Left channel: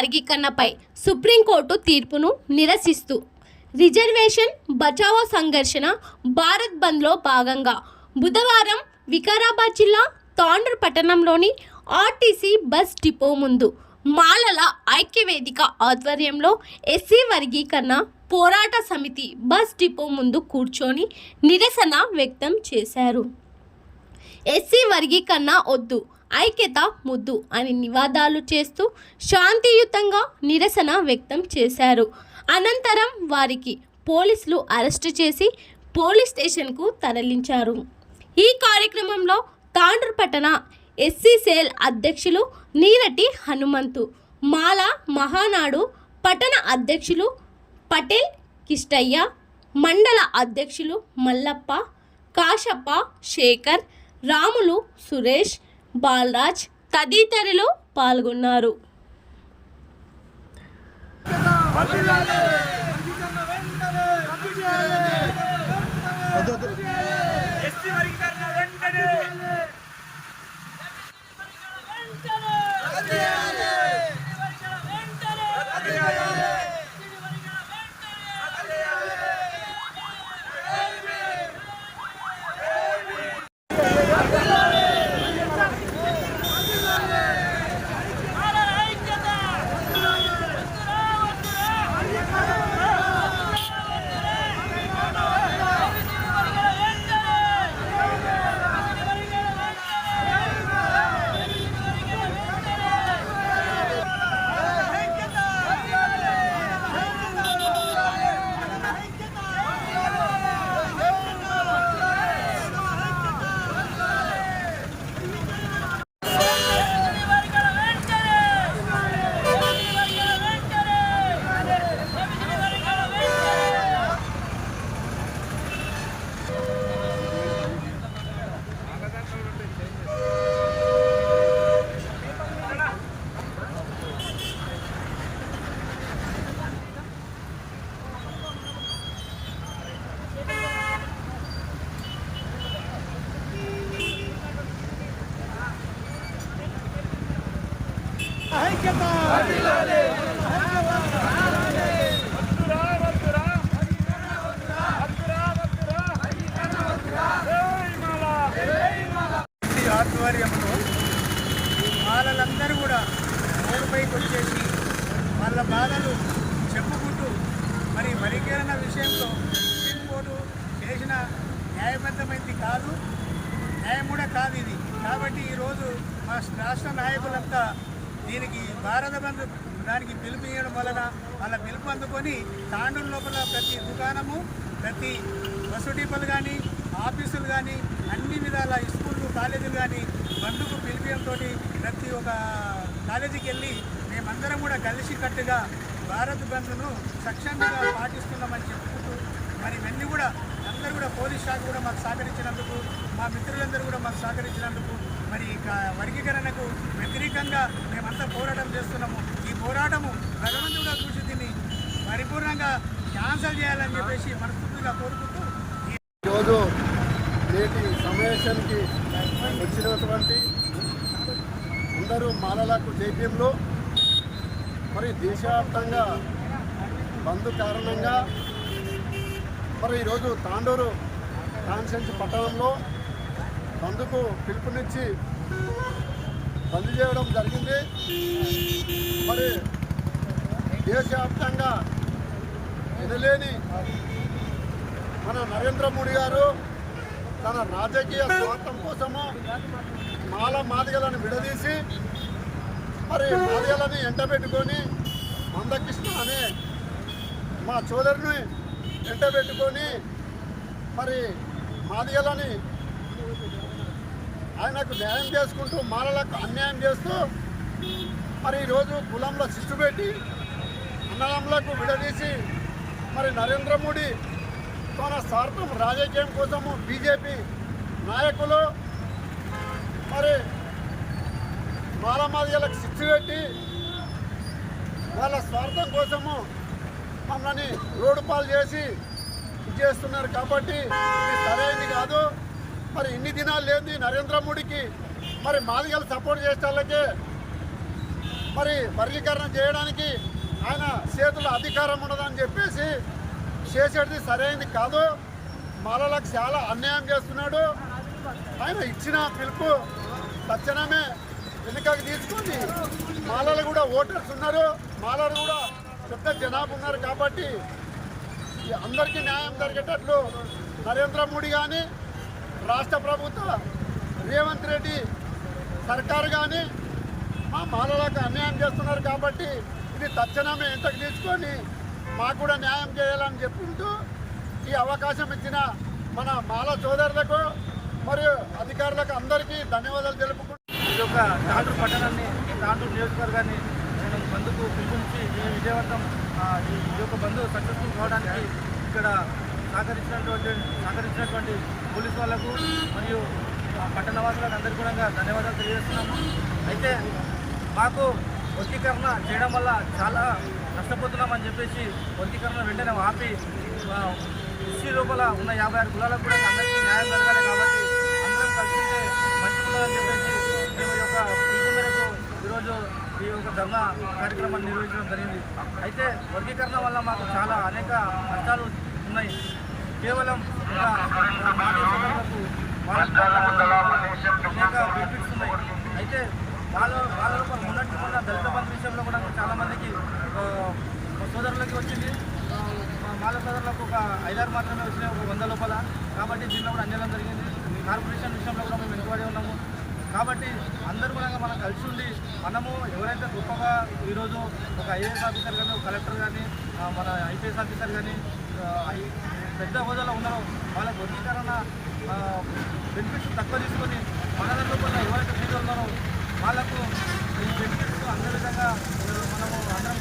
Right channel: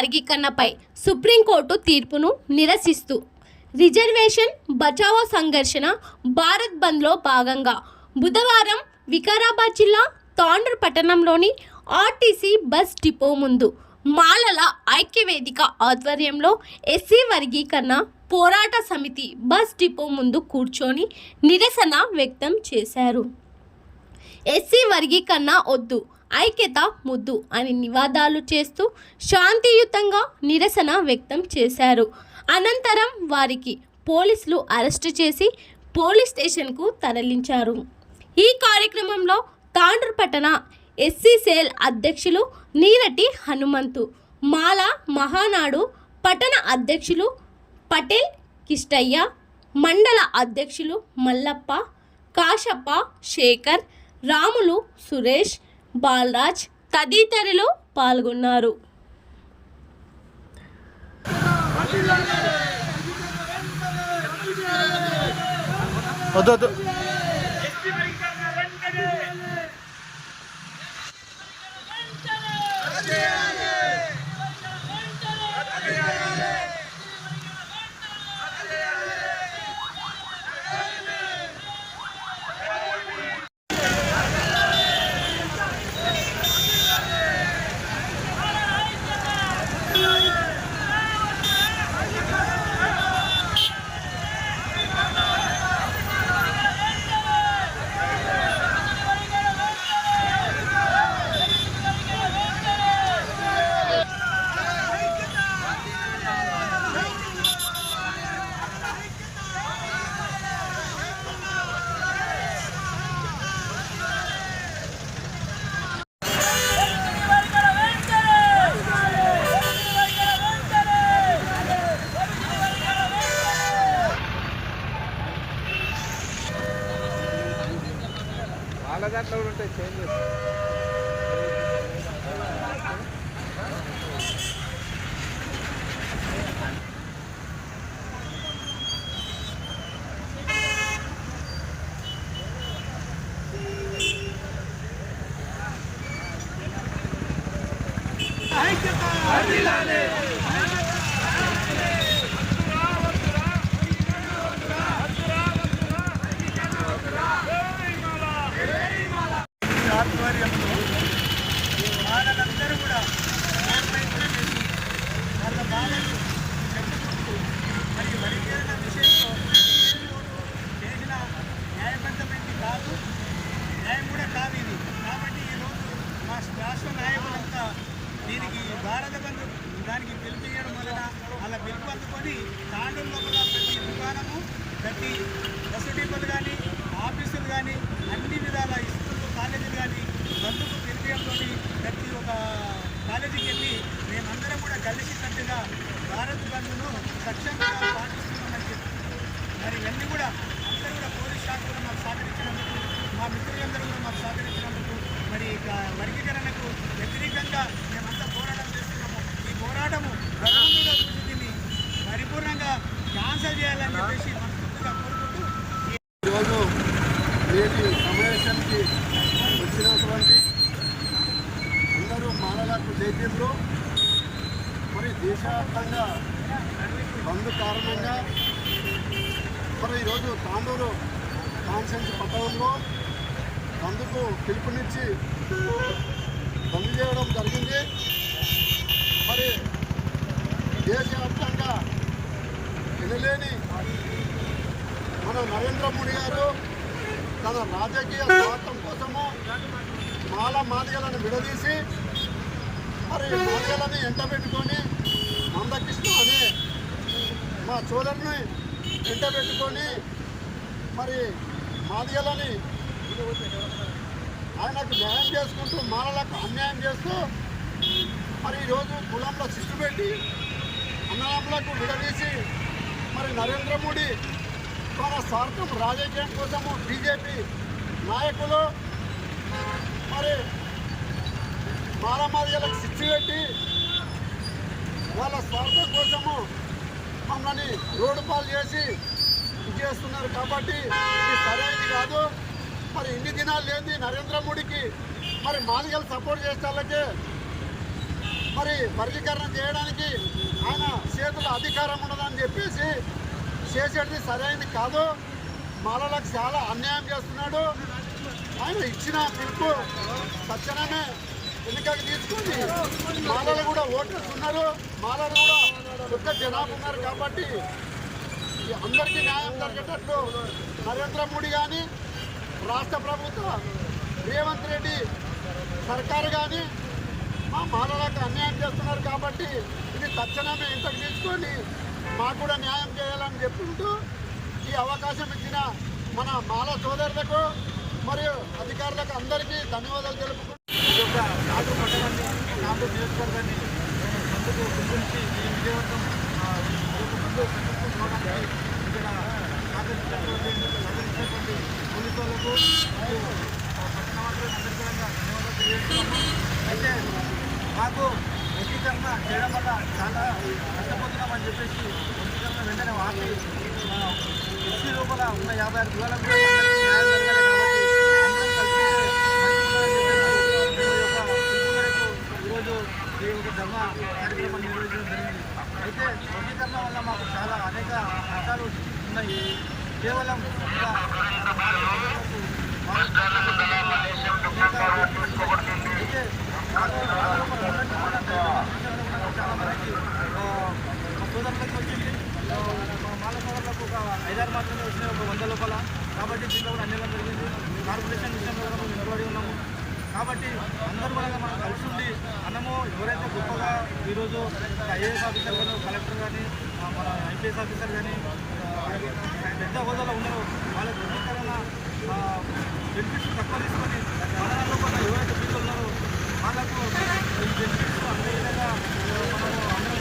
వర్గీకరణపై supreme court తీర్పును నిరసిస్తూ reservation Bachao సంఘర్షణ భారత్ బంద్లో భాగంగా బుధవారం వికారాబాద్ జిల్లా తాండూర్ పట్టణంలోని ఆర్టీసీ బస్ డిపో ముందు మాలల ఐక్యవేదిక ఆధ్వర్యంలో ఎస్సీ వర్గీకరణ పోరాట సమితి బస్ డిపో ముందు కూర్చొని నిరసన వ్యక్తం చేశారు. ఎస్సీ వర్గీకరణ వద్దు, ఐక్యత ముద్దు అని నినాదాలు చేస్తూ శాంతియుతంగా నిరసన వ్యక్తం చేశారు. అనంతరం వారికి పోలీసులు అరెస్టు చేసి పోలీస్ స్టేషన్కు తరలించారు. ఈ కార్యక్రమంలో తాండూర్ పట్టణ ఎస్సీ సెల్ అధ్యక్షులు నీరటి హనుమంతు, మాల మహానాడు పట్టణ అధ్యక్షులు పటేల్ కిష్టయ్య, మండల అధ్యక్షులు మల్లప్ప, కాశప్ప, శేఖర్, రాములు, సురేష్, బాలరాజ్ తదితరులు పాల్గొన్నారు. ఆధ్వర్యంలో వాళ్ళందరూ కూడా రోడ్డుపైకి వచ్చేసి వాళ్ళ బాధలు చెప్పుకుంటూ మరి వర్గీకరణ విషయంలో సుప్రీంకోర్టు చేసిన న్యాయబద్ధమైంది కాదు, న్యాయం కూడా కాదు ఇది. కాబట్టి ఈరోజు మా రాష్ట్ర నాయకులంతా దీనికి భారత బంద్ దానికి పిలుపు ఇవ్వడం వలన అలా పిలుపు అందుకొని తాండూరు లోపల ప్రతి దుకాణము, ప్రతి బస్సు డిపోలు కానీ, ఆఫీసులు కానీ, అన్ని విధాల స్కూళ్ళు, కాలేజీలు కానీ బంధుకు పిలిపియంతో ప్రతి ఒక్క కాలేజీకి వెళ్ళి మేమందరం కూడా కలిసికట్టుగా భారత్ బంద్ను సక్షంగా పాటిస్తున్నామని చెప్పుకుంటూ మరి ఇవన్నీ కూడా అందరూ కూడా పోలీస్ శాఖ కూడా మాకు సహకరించినందుకు, మా మిత్రులందరూ కూడా మాకు సహకరించినందుకు మరి వర్గీకరణకు వ్యతిరేకంగా మేమంతా పోరాటం చేస్తున్నాము. ఈ పోరాటము భగవంతుడు చూసి దీన్ని పరిపూర్ణంగా క్యాన్సల్ చేయాలని చెప్పేసి మనస్ఫూర్తిగా కోరుకుంటూ ఈరోజు నేటి సమావేశానికి వచ్చినటువంటి అందరూ మాలలకు జైత్యంలో మరి దేశవ్యాప్తంగా బంద్ కారణంగా మరి ఈరోజు తాండూరు కాన్సెన్స్ పట్టణంలో బంద్కు పిలుపునిచ్చి బంద్ చేయడం జరిగింది. మరి దేశవ్యాప్తంగా వినలేని మన నరేంద్ర మోడీ గారు తన రాజకీయ స్వార్థం కోసము మాదిగలను విడదీసి మరి మాదిగలని ఎంటబెట్టుకొని మందకృష్ణ అనే మా సోదరుని ఎంటబెట్టుకొని మరి మాదిగలని ఆయనకు న్యాయం చేసుకుంటూ మాలలకు అన్యాయం చేస్తూ మరి ఈరోజు కులంలో శిస్తు పెట్టి అన్నదమ్ములకు విడదీసి మరి నరేంద్ర మోడీ తన స్వార్థం రాజకీయం కోసము బీజేపీ నాయకులు మరి మాదిగలకు శిక్ష పెట్టి వాళ్ళ స్వార్థం కోసము మమ్మల్ని రోడ్డు పాలు చేసి చేస్తున్నారు. కాబట్టి ఇది సరైనది కాదు. మరి ఇన్ని దినాలు లేని నరేంద్ర మోడీకి మరి మాదిగలు సపోర్ట్ చేసే వాళ్ళకే మరి వర్గీకరణ చేయడానికి ఆయన చేతుల్లో అధికారం ఉన్నదని చెప్పేసి చేసేది సరైనది కాదు. మాలలకు చాలా అన్యాయం చేస్తున్నాడు. ఆయన ఇచ్చిన పిలుపు తక్షణమే వెనుకకు తీసుకొని మాలలు కూడా ఓటర్స్ ఉన్నారు, మాలలు కూడా పెద్ద జనాభా ఉన్నారు కాబట్టి అందరికీ న్యాయం జరిగేటట్లు నరేంద్ర మోడీ కానీ రాష్ట్ర ప్రభుత్వ రేవంత్ రెడ్డి సర్కారు కానీ మా మాలలకు అన్యాయం చేస్తున్నారు కాబట్టి ఇది తక్షణమే ఇంతకు తీసుకొని మాకు కూడా న్యాయం చేయాలని చెప్పుకుంటూ ఈ అవకాశం ఇచ్చిన మన మాల సోదరులకు మరియు అధికారులకు అందరికీ ధన్యవాదాలు తెలుపుకుంటూ ఈ యొక్క తాండూరు పట్టణాన్ని, తాండూరు నియోజకవర్గాన్ని మనం బంధుకు పిలుపునిచ్చి ఈ విజయవంతం ఈ యొక్క బంధు సక్సెస్ఫుల్ కావడానికి ఇక్కడ సహకరించినటువంటి పోలీసు వాళ్లకు మరియు పట్టణవాసులకు అందరికీ కూడా ధన్యవాదాలు తెలియజేస్తున్నాము. అయితే మాకు వర్గీకరణ చేయడం వల్ల చాలా నష్టపోతున్నామని చెప్పేసి వర్గీకరణ వెంటనే ఆపి ఎస్సీ లోపల ఉన్న 56 కులాలకు కూడా అందరికీ న్యాయం జరగాలి కాబట్టి అందరం కలిసి మంచి ఉండాలని చెప్పేసి మేము ఈ యొక్క పిలుపు మేరకు ఈరోజు ఈ యొక్క ధర్నా కార్యక్రమాన్ని నిర్వహించడం జరిగింది. అయితే వర్గీకరణ వల్ల మాకు చాలా అనేక నష్టాలు ఉన్నాయి. కేవలం ఇంకా మన మానసికలకు అయితే వాళ్ళ లోపల మొన్న దళిత బంధు విషయంలో కూడా చాలా మందికి మా సోదరులకి వచ్చింది. మా మాల సోదరులకు ఒక 5-6 మాత్రమే వచ్చినాయి, ఒక 100 లోపల. కాబట్టి దీంట్లో కూడా అన్యాయం జరిగింది. కార్పొరేషన్ విషయంలో కూడా మేము వెనుకబడి ఉన్నాము. కాబట్టి అందరూ కూడా మనం కలిసి ఉండి మనము ఎవరైతే గొప్పగా ఈరోజు ఒక ఐఏఎస్ ఆఫీసర్ కానీ, ఒక కలెక్టర్ కానీ, మన ఐపీఎస్ ఆఫీసర్ కానీ పెద్ద హోదాలో ఉన్నారో వాళ్ళకు వర్గీకరణ బెనిఫిట్స్ తక్కువ తీసుకొని మన లోపల ఎవరైతే ఫీజు ఉన్నారో వాళ్ళకు ఈ బెనిఫిట్స్ అన్ని విధంగా మనము అందరం